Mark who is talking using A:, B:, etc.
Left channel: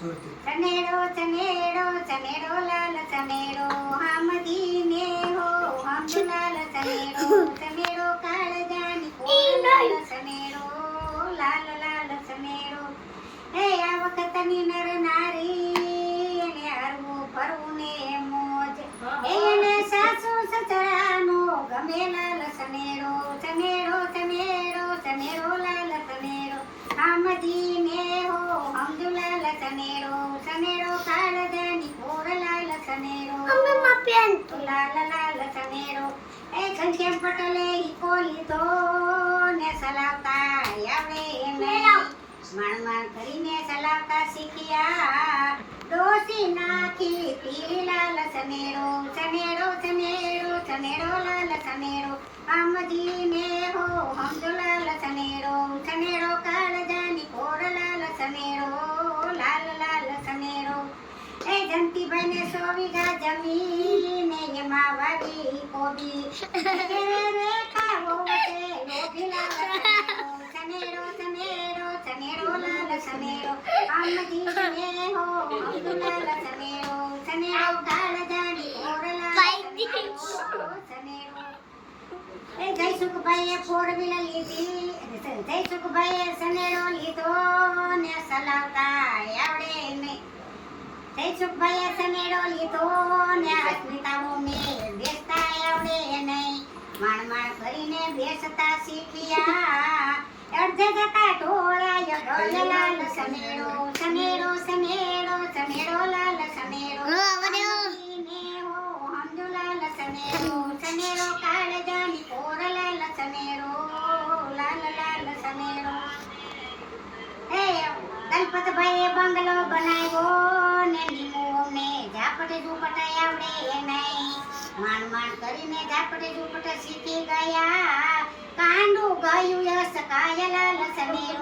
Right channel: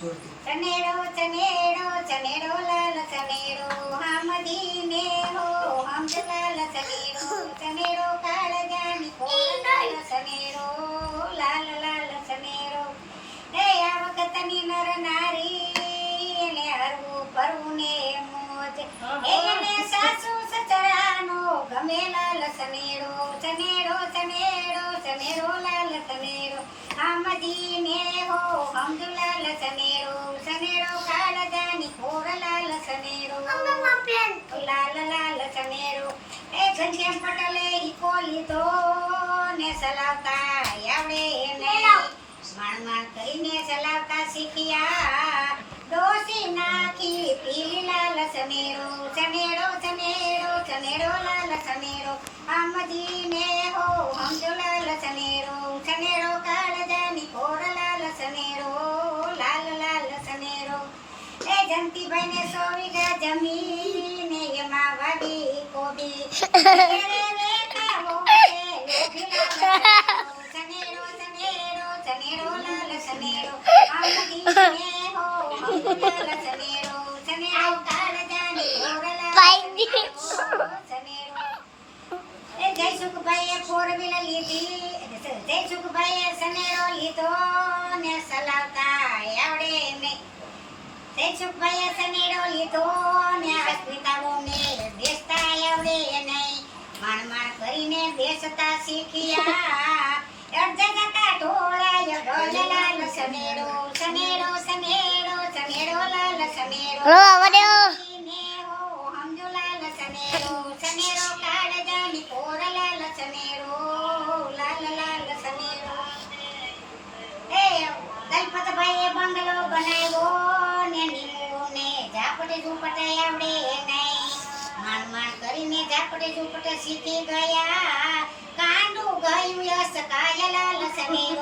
A: ચનેડો ચનેડો ચનેડો લાલ ચનેડો હામદીને હો હમદ લાલ ચનેડો ચનેડો કાળજાની કોર લાલ ચનેડો લાલ લાલ ચનેડો હે આ વખતની નર નારી, એને હરવું ભરવું ને મોજ એને સાસુ સસરાનો ગમે લાલ ચનેડો ચનેડો ચનેડો ચનેડો લાલ લાલ લાલ ચનેડો એ ઘનશ્યામ પટેલે ઈકો લીધો ને ચલાવતા આવડે એને. માણ માણ કરીને ચલાવતા શીખ્યા. ડોસી નાખી પીલી લાલ ચનેડો ચનેડો ચનેડો લાલ ચનેડો આમજીને હો હમદો લાલ ચનેડો ચનેડો કાળજાની કોર લાલ ચનેડો લાલ લાલ ચનેડો એ જંતીભાઈને સો વીઘા જમીન કોબી ઘેરે રેખા વહુ છે, લોભી લાલ ચનેડો, ચનેડો, ચનેડો, લાલ ચનેડો. આમદીને હો, હમદુ લાલ ચનેડો, ચનેડો કાળજાની કોર લાલ ચનેડો. એ જયસુખભાઈએ four wheeler લીધી જયસુખભાઈએ સનેડો લીધો ને ચલાવતા આવડે નહીં જયસુખભાઈએ સનેડો લીધો ને અસ્મિતાઓ ને બેસતા આવડે નહીં માણ કરીને બેસતા શીખ્યા. જતા ઢોળાય ઢોલે લાલ લાલ કોર લાલ લાલ લાલ એ દલપતભાઈએ બંગલો બનાવ્યો ને નીમો ને ઝાપડે ઝૂંપટ આવડે નહીં માણ માણ કરીને ઝાપડે ઝૂંપટ શીખી ગયા. કાંડું ગયું યસ કાય લાલ સનેડો